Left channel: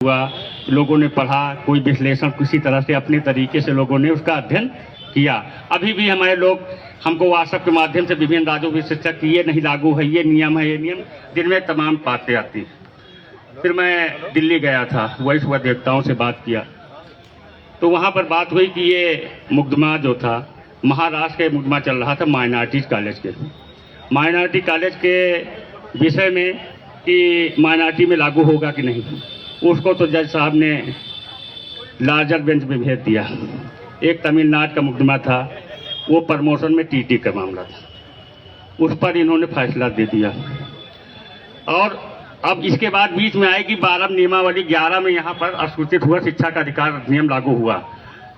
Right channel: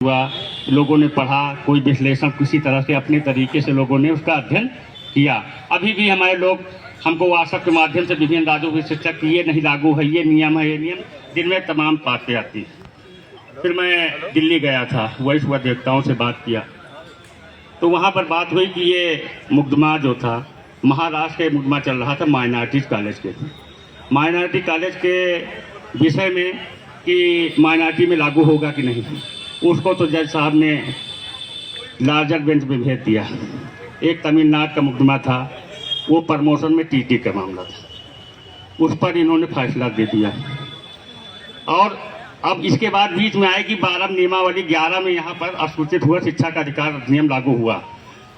हुआ, लोगों ने पढ़ा, कोई विश्लेषण किसी तरह से अपने तरीके से लोगं ने उसका अध्ययन किया। अभी भी हमारे लोग हमको व्हाट्सएप के माध्यम से विभिन्न राज्यों के शिक्षक की ये नहीं लागू है, ये नियम है, ये नियम, जिनमें तमाम बातें आती। फिर मैं दिल्ली गया था, वही सुबह देवताओं से बात किया, तो वहाँ पर बात हुई कि ये मुकदमा जो था महाराष्ट्र के मुकदमा चल रहा था माइनॉरिटीज कॉलेज के, माइनॉरिटी कॉलेज के विषय में कि माइनॉरिटी में लागू होगा कि नहीं, उसको तो जज साहब ने लार्जर बेंच में भेज दिया। एक तमिलनाडु का मुकदमा था, वो प्रमोशन में टीटी का मामला था, उस पर इन्होंने फैसला दे दिया। और अब इसके बाद बीच में आएगी 12 नियमावली, 11 में यहाँ पर अस्वीकृत हुआ शिक्षा का अधिकार अधिनियम लागू हुआ,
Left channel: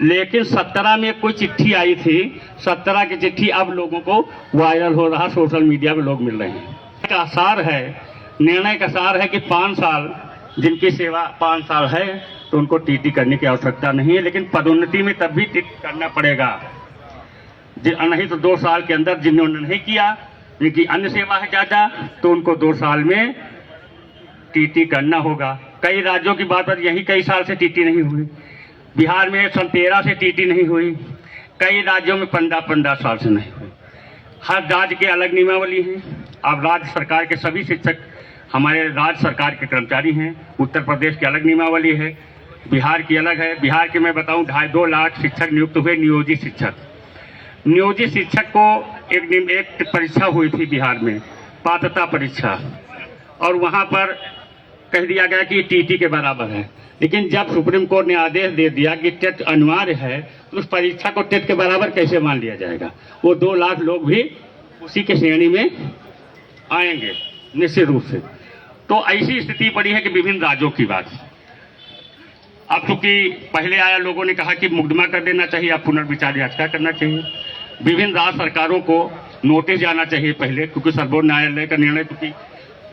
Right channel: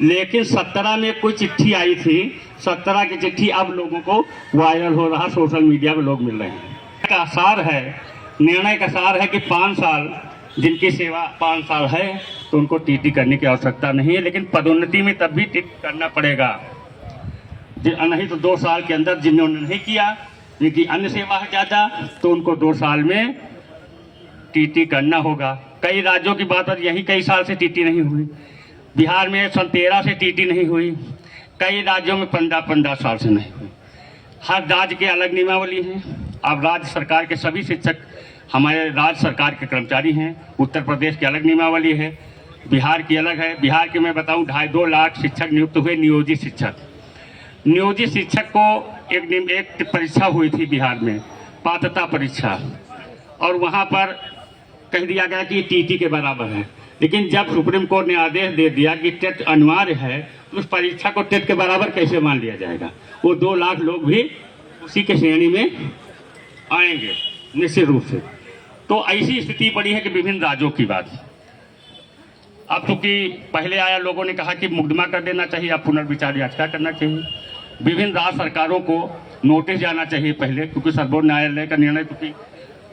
लेकिन 17 में कोई चिट्ठी आई थी, 17 की चिट्ठी अब लोगों को वायरल हो रहा, सोशल मीडिया में लोग मिल रहे हैं। का सार है, निर्णय का सार है कि 5 साल जिनकी सेवा 5 साल है तो उनको टीटी करने की आवश्यकता नहीं है, लेकिन पदोन्नति में तब भी टीटी करना पड़ेगा, नहीं तो 2 साल के अंदर जिन्होंने नहीं किया, जिनकी अन्य सेवा है ज़्यादा, तो उनको 2 साल में टीटी करना होगा। कई राज्यों की बात है, यही कई साल से टीटी नहीं हुई, बिहार में सन 13 से टीटी नहीं हुई, कई राज्यों में 15-15 साल से नहीं हुई। हर राज्य के अलग नियमावली है। अब राज्य सरकार के सभी शिक्षक हमारे राज्य सरकार के कर्मचारी हैं। उत्तर प्रदेश की अलग नियमावली है, बिहार की अलग है। बिहार के मैं बताऊं 2.5 लाख शिक्षक नियुक्त हुए, नियोजित शिक्षक। नियोजित शिक्षक को एक परीक्षा हुई थी बिहार में, पात्रता परीक्षा, और वहां पर कह दिया गया कि टीटी के बराबर है, लेकिन जब सुप्रीम कोर्ट ने आदेश दे दिया कि टेट अनिवार्य है, तो उस परीक्षा को टेट के बराबर कैसे मान लिया जाएगा। वो 2 लाख लोग भी उसी के श्रेणी में आएंगे निश्चित रूप से। तो ऐसी स्थिति पड़ी है कि विभिन्न राज्यों की बात। अब चूंकि पहले आया, लोगों ने कहा कि मुकदमा कर देना चाहिए, अब पुनर्विचार याचिका करना चाहिए। विभिन्न राज्य सरकारों को नोटिस जाना चाहिए पहले, क्योंकि सर्वोच्च न्यायालय का निर्णय क्योंकि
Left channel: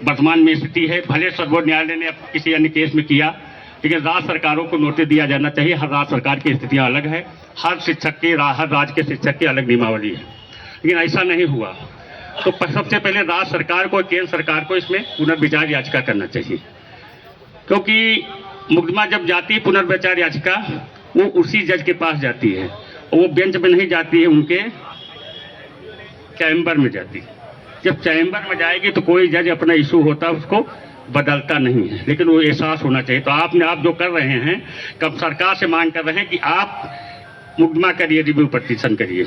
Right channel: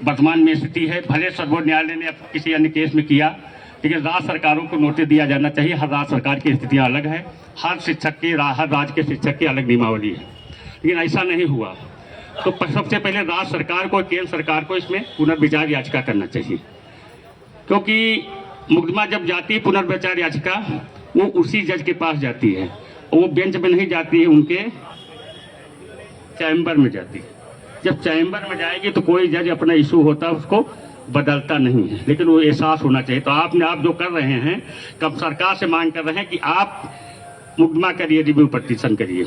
वर्तमान में स्थिति है, भले सर्वोच्च न्यायालय ने किसी अन्य केस में किया, लेकिन राज्य सरकारों को नोटिस दिया जाना चाहिए। हर राज्य सरकार की स्थितियाँ अलग है, हर राज्य के शिक्षक की अलग नियमावली है, लेकिन ऐसा नहीं हुआ। तो सबसे पहले राज्य सरकार को, केंद्र सरकार को इसमें पुनर्विचार याचिका करना चाहिए, क्योंकि मुकदमा जब जाती है पुनर्विचार याचिका, वो उसी जज के पास जाती है, वो बेंच में नहीं जाती है, उनके चैम्बर में जाती है। जब चैम्बर में जाएगी तो कोई जज अपना इशू होता है उसको बदलता नहीं है, लेकिन वो एहसास होना चाहिए। तो आप जो कर रहे हैं, कब सरकार से मांग कर रहे हैं कि आप मुकदमा करिए, रिव्यू पटिशन करिए,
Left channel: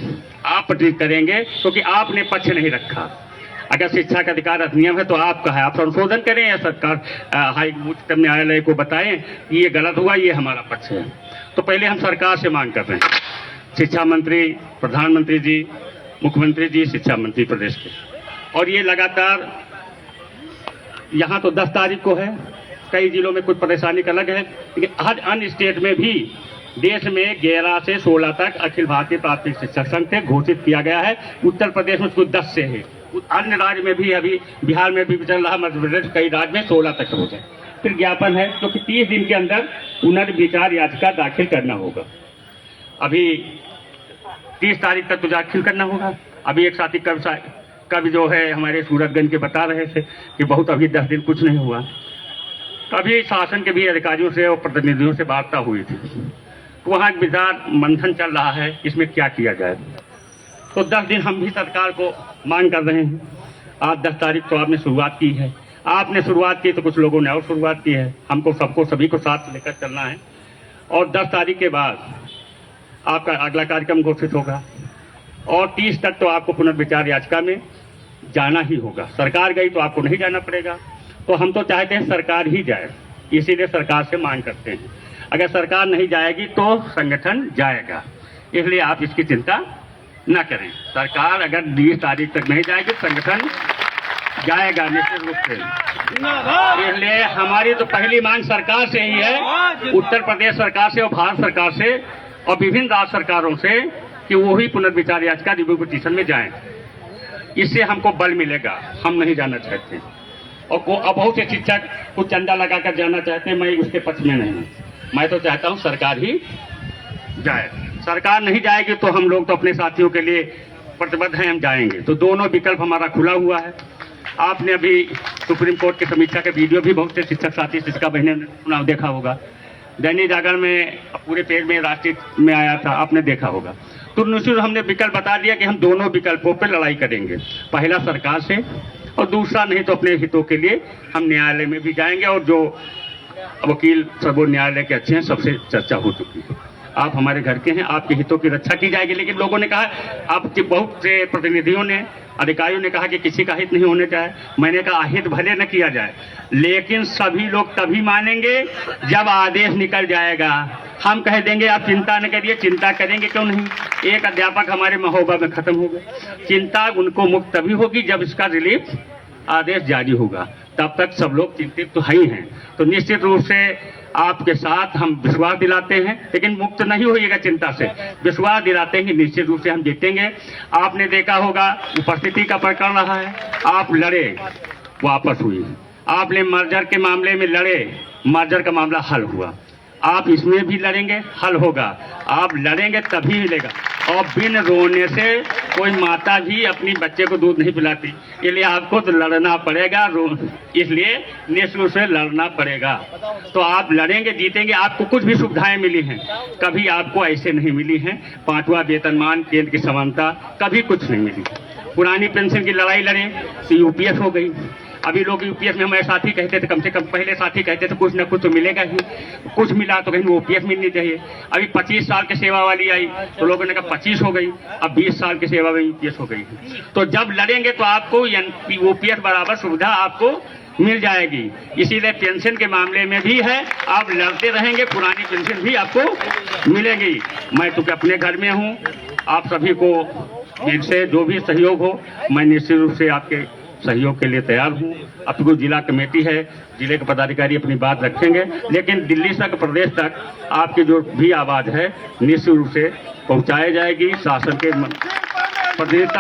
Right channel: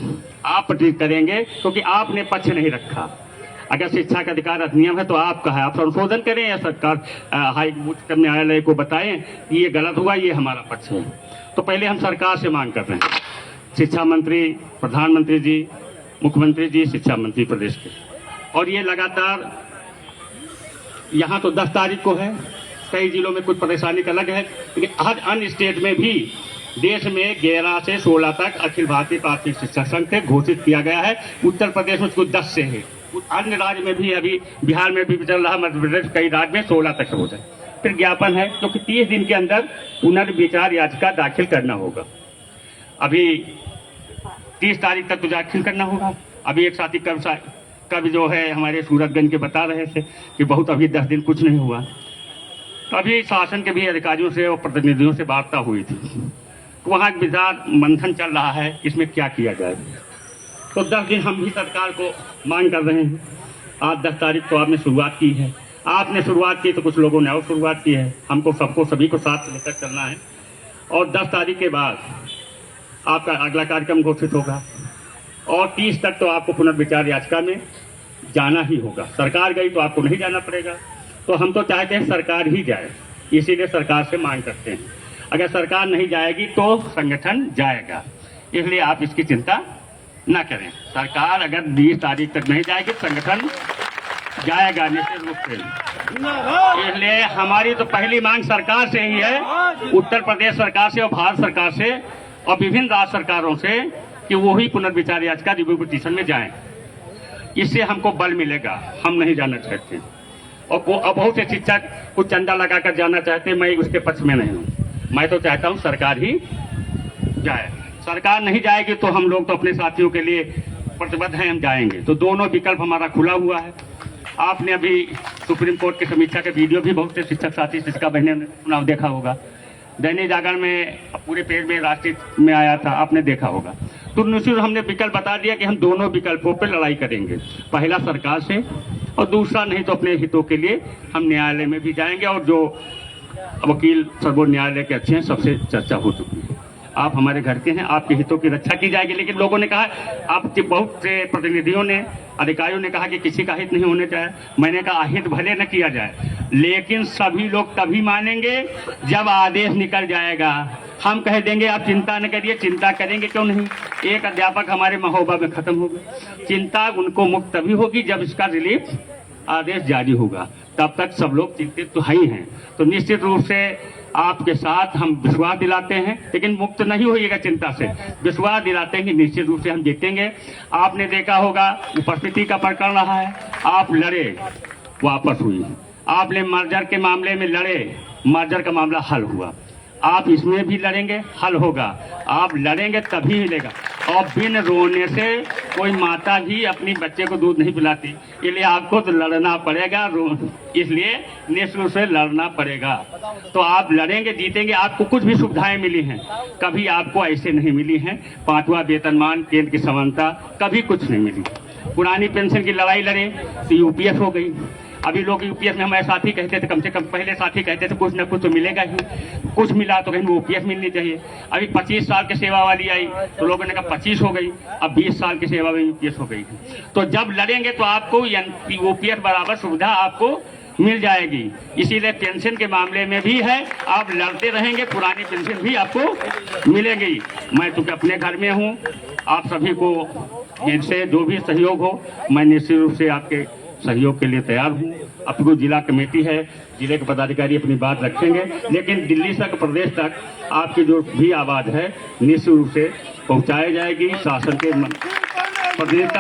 आप पटिशन करेंगे क्योंकि आपने पक्ष नहीं रखा। अगर शिक्षा का अधिकार अधिनियम है तो आपका है, आप संशोधन करें या सरकार उच्चतम न्यायालय को बताएं कि ये गलत हुआ, ये हमारा पक्ष है। तो पहले हम सरकार से मांग कर रहे हैं, शिक्षा मंत्री, प्रधानमंत्री जी, मुख्यमंत्री जी, शिक्षा मंत्री प्रदेश के, और ये लगातार यहाँ तो 10 तारीख को है, कई जिलों में कुछ परेशानी का अलग है, लेकिन हर अन्य स्टेट में भी देश में 11 से 16 तक अखिल भारतीय प्राथमिक शिक्षक संघ से घोषित किया गया है। उत्तर प्रदेश में कुछ 10 से है, अन्य राज्य में भी, अभी बिहार में भी चल रहा, मध्य प्रदेश कई राज्य में 16 तक हो जाए। फिर ज्ञापन है, क्योंकि 30 दिन के अंदर पुनर्विचार याचिका दाखिल करना होगा। अभी 30 तारीख तक तो दाखिल करना होगा। अभी एक साथी कब जो है हमारे सूरतगंज के बता रहे थे कि बहुत अभी 10 दिन कुछ नहीं हुआ। तो अभी शासन के भी अधिकारियों से और प्रतिनिधियों से वार्ता हुई थी, तो वहाँ विचार मंथन चल रहा है इसमें क्या किया जाए। तो 10 दिन हम भी सरकार को मांग कर रहे हैं। आज 10 तारीख तो आपने शुरुआत की है, आपने शुरुआत की तो कुछ लोगों ने और शुरुआत की है, हमको सबको सभी को साथ लेकर चलना है। और 10 तारीख के बाद आपका अगला कार्यक्रम घोषित होगा, और 30 तक तो आपको पुनर्विचार याचिका में जाना ही होगा। सरकार गई तो आपको नहीं जाना पड़ेगा, तो हम तो चाहते हैं सरकार ही जाए, इसीलिए सरकार से मांग करते हैं। अगर सरकार नहीं जाएगी तो संगठन जाएगा, इसलिए आप इसकी चिंता न करें। सरकार अगर 20 तारीख तक नहीं जाएगी तो संगठन जाएगा निश्चित रूप से। इसलिए हमारी तो पहली मांग सरकार से ही है, उत्तर प्रदेश सरकार से और भारत सरकार से और विभिन्न राज्य सरकारों से, कि वो ही पुनर्विचार याचिका रिव्यू पिटीशन में जाएं। इससे हमको बल मिलेगा, हम नहीं जाना चाहते। और बहुत से शिक्षक कुछ चंदा लगाकर जाना चाहते हैं, मैं उसके पक्ष में नहीं हूँ। मैं तो चाहता हूँ सरकार ही जाए। सरकार नहीं जाएगी तो हम लोग तो अपने साथियों के लिए प्रतिबद्ध हैं, हम जाएंगे। तो दोनों विकल्प हमारा खुला हुआ है। आपने अभी सुप्रीम कोर्ट की समीक्षा के वीडियो भी बहुत से शिक्षक साथी शिक्षिका बहने ने चुनाव देखा होगा। दैनिक जागरण में पूरे पेज में राष्ट्रीय में आया था, आपने देखा होगा। तो निश्चित हमने विकल्प बता दिया कि हम दोनों विकल्पों पर लड़ाई करेंगे, पहला सरकार से और दूसरा नहीं तो अपने हितों के लिए हम न्यायालय में भी जाएंगे। और जो वकील सर्वोच्च न्यायालय के अच्छे हैं, सबसे चर्चा हो चुकी है। आप हमारे घर के हैं, आपके हितों की रक्षा की जाएगी। लेकिन लोगों ने कहा, आपके बहुत से प्रतिनिधियों ने, अधिकारियों ने कहा कि किसी का हित नहीं होने चाहिए। मैंने कहा हित भले न किया जाए, लेकिन सभी लोग तभी मानेंगे जब आदेश निकल जाएगा। हम कह देंगे आप चिंता न करिए, चिंता करेंगे क्यों नहीं। एक अध्यापक हमारे महोबा में खत्म हो गए। चिंता उनको मुक्त तभी होगी जब इसका रिलीफ आदेश जारी होगा, तब तक सब लोग चिंतित तो ही हैं। तो निश्चित रूप से आपके साथ हम विश्वास दिलाते हैं, लेकिन मुक्त नहीं होइएगा चिंता से। विश्वास दिलाते हैं कि निश्चित रूप से हम जीतेंगे। आपने देखा होगा उपस्थिति का प्रकरण रहा है, आप लड़े, वापस हुई। आपने मर्जर के मामले में लड़े, मर्जर का मामला हल हुआ। आप इसमें भी लड़ेंगे, हल होगा। आप लड़ेंगे तभी मिलेगा। और बिन रोने से कोई माता भी अपनी बच्चे को दूध नहीं पिलाती, इसलिए आपको तो लड़ना पड़ेगा। इसलिए निश्चित रूप से लड़ना पड़ेगा। तो आप लड़ेंगे, जीतेंगे। आपको कुछ भी सुविधाएं मिली हैं, कभी आपको ऐसे नहीं मिली हैं। 5वां वेतनमान, केंद्र की समानता, कभी कुछ नहीं मिली। पुरानी पेंशन की लड़ाई लड़े तो यूपीएस हो गई। अभी लोग यूपीएस में हमारे साथी कहते थे, कम से कम पहले साथी कहते थे कुछ ना कुछ तो मिलेगा ही। कुछ मिला तो कहीं ओपीएस मिलनी चाहिए। अभी 25 साल की सेवा वाली आई तो लोगों ने कहा 25 हो गई, अब 20 साल की सेवा में यूपीएस हो गई। तो जब लड़ेंगे तो आपको ओपीएस बराबर सुविधा आपको मिल जाएगी। इसीलिए पेंशन के मामले में भी है, आप लड़ते रहेंगे, पुरानी पेंशन भी आपको मिलेगी। मैं चूंकि अपने घर में हूँ, आप सभी को जिनसे जो भी सहयोग हो, मैं निश्चित रूप से आपके सहयोग के लिए तैयार हूँ। अब तो जिला कमेटी है, जिले के पदाधिकारी अपनी बात रखेंगे, लेकिन दिल्ली तक, प्रदेश तक आपकी जो भी आवाज़ है निश्चित रूप से पहुँचाई जाएगी। शासन के प्रदेश तक